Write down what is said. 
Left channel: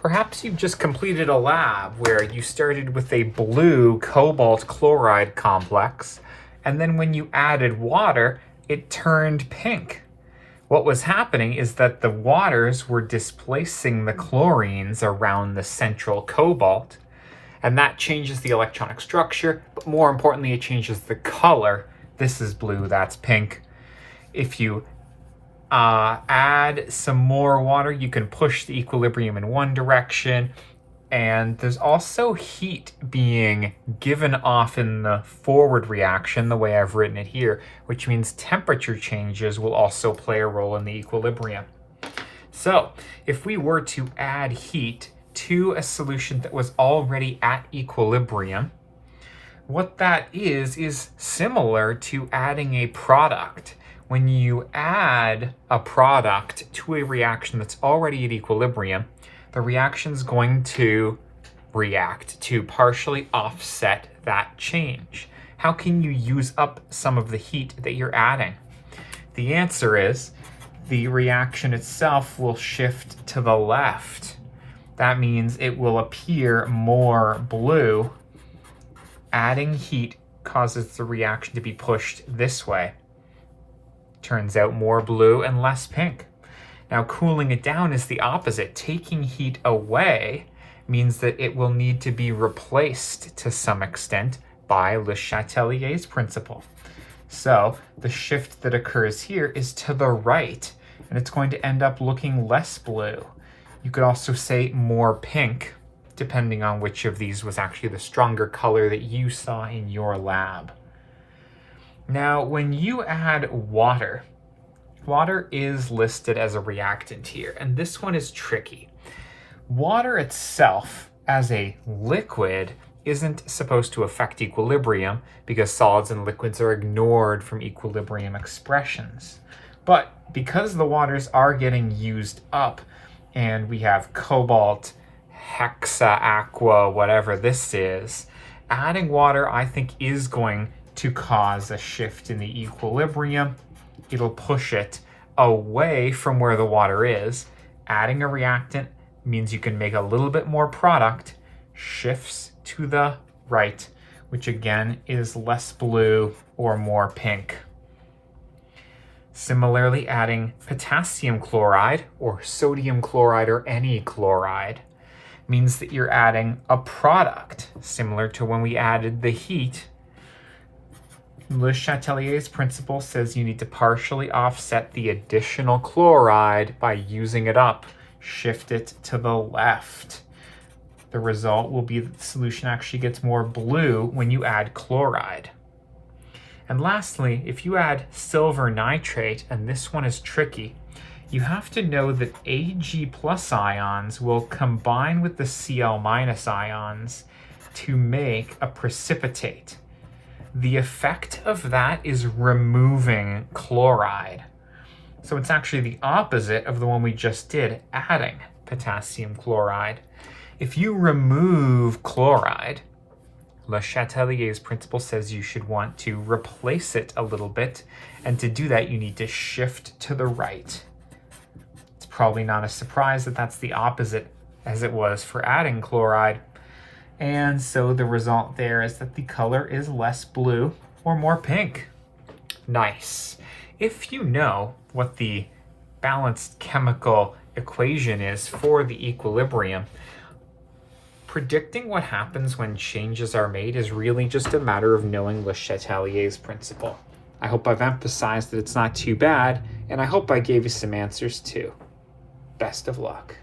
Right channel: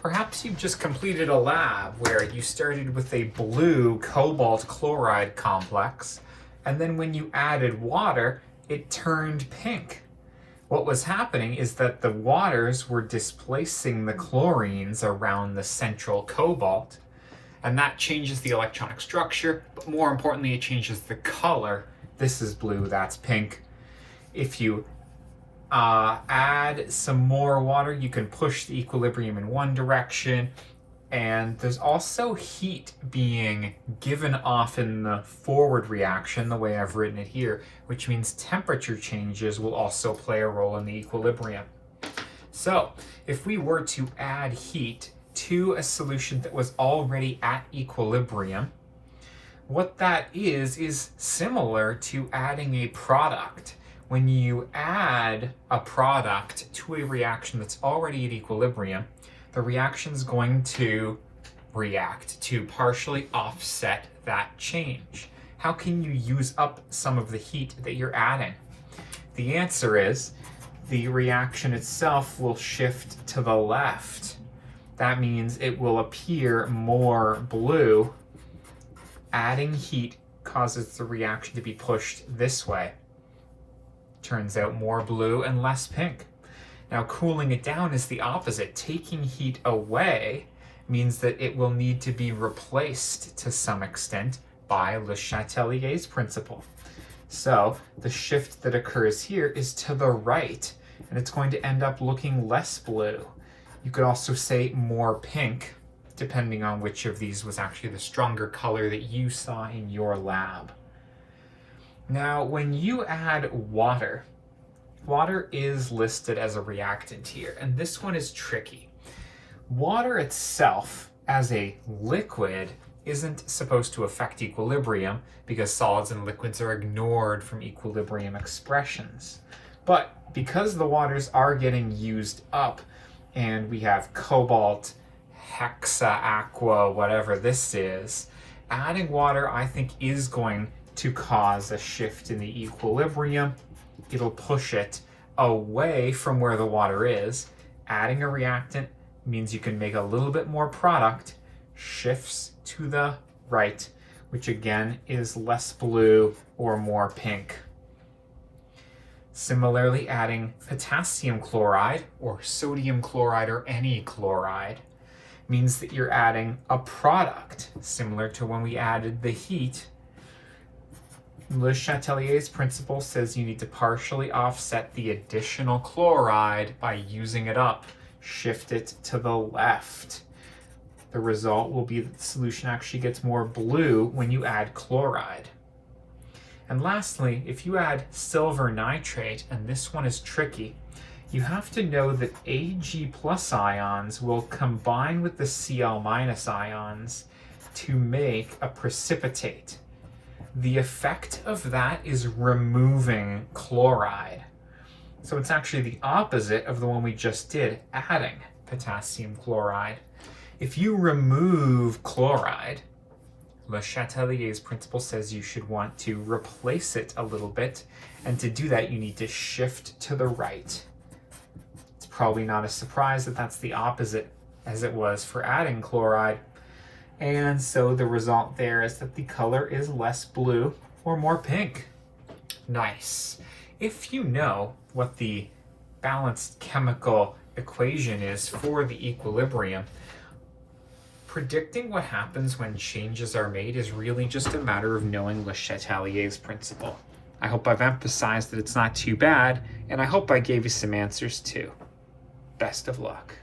Perhaps you've just completed a lab where you started with a blue cobalt chloride complex, and then when you added water, it turned pink. What was happening is that the waters were displacing the chlorines around the central cobalt, and that changes the electronic structure, but more importantly, it changes the color. This is blue, that's pink. If you add some more water, you can push the equilibrium in one direction, and there's also heat being given off in the forward reaction, the way I've written it here, which means temperature changes will also play a role in the equilibrium. So if we were to add heat to a solution that was already at equilibrium, what that is similar to adding a product. When you add a product to a reaction that's already at equilibrium, the reaction's going to react to partially offset that change. How can you use up some of the heat that you're adding? The answer is the reaction itself will shift to the left. That means it will appear more blue. Adding heat causes the reaction to be pushed this way. Turns out more blue and less pink. Now cooling it down is the opposite. Taking heat away means that it will need to be replaced to some extent by Le Chatelier's principle. So the shift that occurs here is to the right, and it's going to end up looking less blue. You could also say more pink, depending on which of these was actually the stronger color that you saw in your lab. Now, when you add water, water is listed as a reactant here, and this one is tricky. Water itself, as a liquid, isn't supposed to affect equilibrium because solids and liquids are ignored from equilibrium expressions. But because the waters are getting used up, and we have cobalt, hexa, aqua, whatever this is, adding water, I think, is going to cause a shift in the equilibrium. It'll push it away from where the water is. Adding a reactant means you can make a little bit more product, shifts to the right, which again is less blue or more pink. Similarly, adding potassium chloride or sodium chloride or any chloride means that you're adding a product, similar to when we added the heat. Le Chatelier's principle says you need to partially offset the additional chloride by using it up. Shift it to the left. The result will be that the solution actually gets more blue when you add chloride. And lastly, if you add silver nitrate, and this one is tricky, you have to know that Ag+ ions will combine with the Cl- ions to make a precipitate. The effect of that is removing chloride. So it's actually the opposite of the one we just did, adding potassium chloride. If you remove chloride, Le Chatelier's principle says you should want to replace it a little bit, and to do that you need to shift to the right. It's probably not a surprise that that's the opposite as it was for adding chloride. And so the result there is that the color is less blue or more pink. Nice. If you know what the balanced chemical equation is for the equilibrium, predicting what happens when changes are made is really just a matter of knowing Le Chatelier's principle. I hope I've emphasized that it's not too bad, and I hope I gave you some answers too. Best of luck.